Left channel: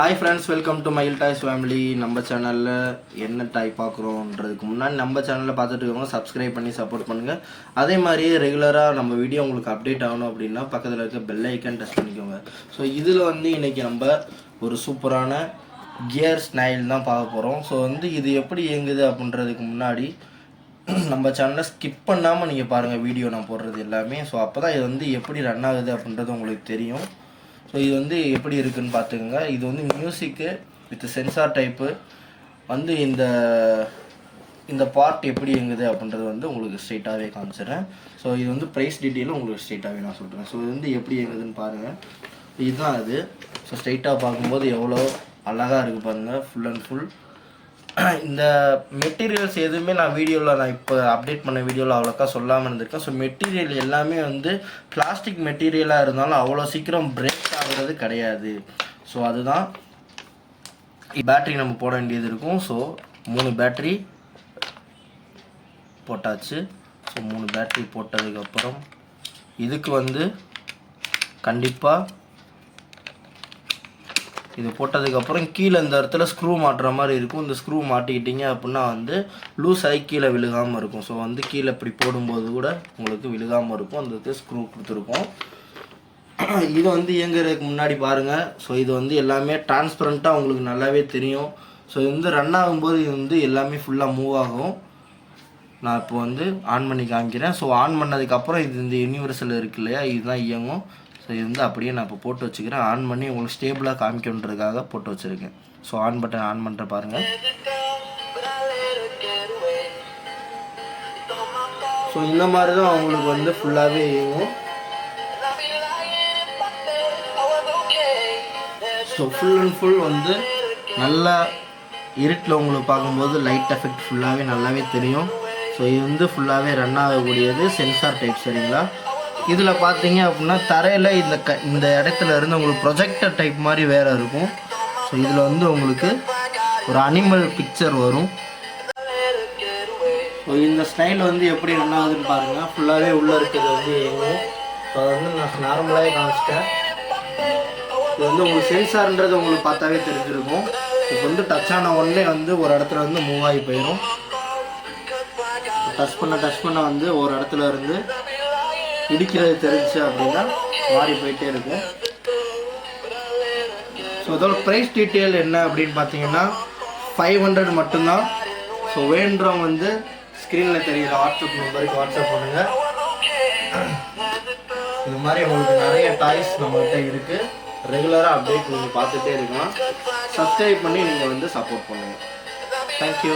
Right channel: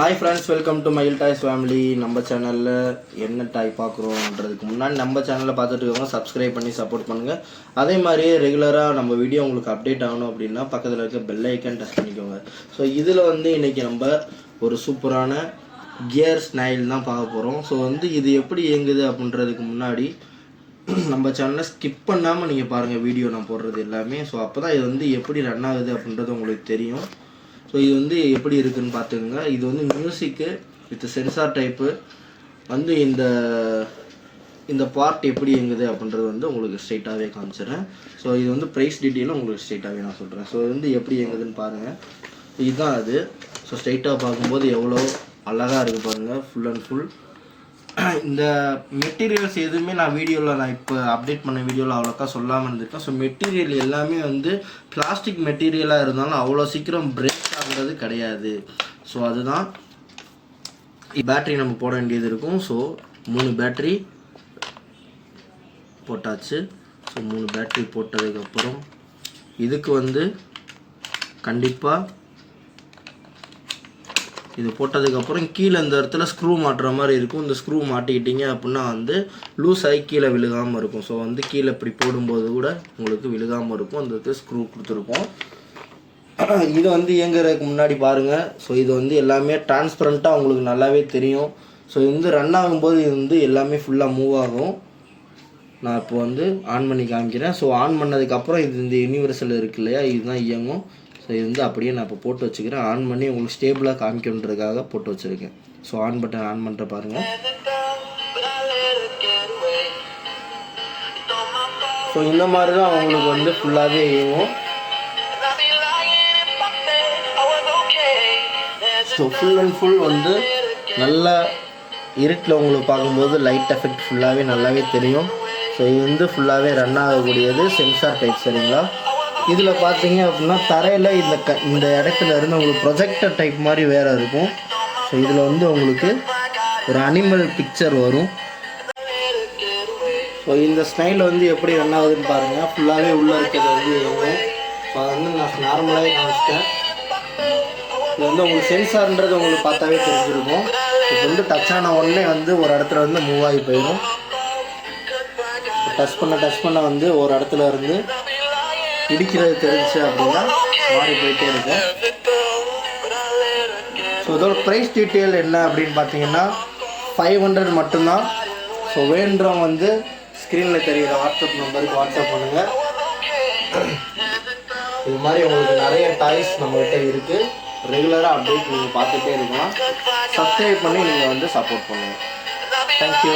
Hi friends, welcome to மயில் toys family. நம்ம சேனலில் என்ன டாய் பார்க்குறோன்றதுக்கு முன்னாடி நம்ம சேனலில் பார்த்துட்டு இருக்கவங்க சப்ஸ்கிரைப் பண்ணி சப்போர்ட் பண்ணுங்கள். அதே மாதிரியே ரெகுலராக நம்ம வீடியோ உங்களுக்கு அப்டேட் ஆகணும் அப்படின்னா பக்கத்தில் இருக்க பெல் ஐக்கன் டச் பண்ணிக்கோங்க. ஸோ இதில் இன்றைக்கி நம்ம ஒரு சூப்பரான கியர் ஸ்னைல் தான் பார்க்க போகிறோம். ஸோ இது எப்படி இயங்குது அப்படின்றதுக்கு முன்னாடி நம்ம சேனலை ஸ்கிப் பண்ணாமல் நீங்கள் பாருங்கள் வீடியோ நான் போடுறது எல்லாமே. ஸோ அப்போ தான் இது எப்படி ரன் ஆகுது அப்படின்றது உங்களுக்கு தெரியும். ஸோ இது எப்படி இருக்குதுன்னு பார்த்துக்கோங்க. இது மியூசிக்கு வித் சென்சார் டைப்பு இந்த பார்ட் எப்படி இயங்குது அப்படின்றது உங்களுக்கு ஸ்ட்ரெயிட்டாகவே காமிச்சிடுறேன். ஸோ இது ப்ரைஸ் டீட்டெயிலும் உங்களுக்கு ஸ்ட்ரெயிட்டாகவே நான் சொல்கிறேன். ஸோ எப்படி இயங்குதுன்னு பாருங்கள். இதுதான் அது. ஸோ ஸ்ட்ரெயிட்டாக பார்க்கும்போது எவ்வளோ அழகாக இருக்குது பாருங்கள். ஃபுல் அண்ட் ஃபுல் இந்த மெட்டீரியல்ஸ் எதுவுமே நான் இப்போ அப்டேட் பண்ண வீடியோவில் அவ்வளோக்கா சொல்லாமல் இருந்திருக்கேன். ஸோ மெட்டீரியல் எல்லாமே பிளாஸ்டிக் மெட்டீரியலாக இருந்தாலும் அவ்வளோ சீக்கிரம் பிரேக் ஆகிறது கிடையாது. ஸோ அதுதான் பேட்ரி நம்ம போட வேண்டியது இருக்கும். ஸோ 3 பேட்ரி போட்டாச்சு. ஸோ 3 பேட்ரி போட்டதுக்கப்புறம் இதுக்கு கண்டிப்பாக இது போட்டதுக்கப்புறம் கீழே இந்த இடத்துல ஸ்க்ரூ மாட்டுற மாதிரி இருக்கும். இந்த ஸ்க்ரூ மாட்டிக்கிட்டிங்க அப்படின்னா லூஸ் ஆகி கீழே விழுகாமல் இருக்கும். ஸோ கீழே இப்படி போடும்போது கூட உங்களுக்கு விழுகாமல் இருக்கும். அந்த ஸ்க்ரூ கொடுத்துருக்கோம். இது இயங்குறதுக்கு முன்னாடி பாருங்கள். ஸோ இது எல்லாமே டிரான்ஸ்பரண்ட்டாக உங்களுக்கு நல்லாவே தெரியும். ஸோ ரன் ஆகும்போது எல்லாமே ஃபுல்லாக மூவ் ஆகும். நான் இப்போ ஆன் பண்ணி காமிக்கிறேன். ஸோ ஆன் பண்ணதுக்கப்புறம் இந்த யூனிவர்சல் இருக்கு இல்லையா, இதுதான் இயங்கும். ஸோ இது அப்படியே நான் இப்போ போட்டு வச்சுக்கிறேன். ஆன் பண்ணி உங்களுக்கு ஸ்டேபிளாக காமிக்கணுன்றதுக்காக போட்டு வச்சுருக்கேன். ஸோ ஆன் பட்டன் ஆன் பண்ணுற பாருங்கள். ஸோ இந்த மாதிரி தான் உங்களுக்கு ஃபுல்லாகவே இயங்கும். ஸோ ஃபுல் அண்ட் ஃபுல் நல்லா இருட்டில் உங்களுக்கு பார்க்கும்போது லைட் எஃபெக்ட் ஃபுல்லாகவே நல்லாவே தெரியும். ஸோ இது ஃபுல்லாகவே ரன் ஆகக்கூடியது சென்சார் டைப். சரிங்களா, இதில் பார்த்தீங்க அப்படின்னா தரையில் இந்த இடத்துல இருந்து உங்களுக்கு ப்ரொஜெக்டர் டைப் மாதிரி வேறு இருக்கும். ஸோ இதில் உங்களுக்கு ஒரு அனிமல் பிக்சர் வரும். ஸோ இந்த ஸ்டைல் எப்படி ரன் ஆகுதுன்னு பாருங்கள். ஃபுல்லாகவே உள்ளே இருக்கிறது இயங்கும். ஸோ நான் நார்மலாகவே காமிச்சிட்டேன். இது உங்களுக்கு சென்சார்ன்றது உங்களுக்கு பார்த்தாவே தெரிஞ்சிருக்கும். இப்போ டச் ஆன உடனே ஒரு இடத்துல மூவ் ஆகி போயிடும். டச் பண்ண ஒரு இடத்துல இருந்து பிடிக்கிறது தெரிஞ்சு அப்படின்னா மாறி போயிட்டே இருக்கும். ஸோ இதோட ப்ரைஸ் டீட்டெயில் என்ன அப்படின்னு பார்த்தீங்கன்னா 500 மட்டும்தான். ஸோ வேண்டுறவங்க ஸ்க்ரீனில் தெரிகிற வாட்ஸ்அப் நம்பருக்கு வாட்ஸ்அப் பண்ணுங்கள். இது மாதிரி உங்களுக்கு நிறைய டாய்ஸ் நம்மகிட்ட இருக்குது. ரெகுலராக அப்டேட் நீங்கள் பார்த்துட்டே இருக்கலாம். சப்ஸ்கிரைப் பண்ணி நீங்கள் சப்போர்ட் பண்ணுங்கள். தேங்க்யூ.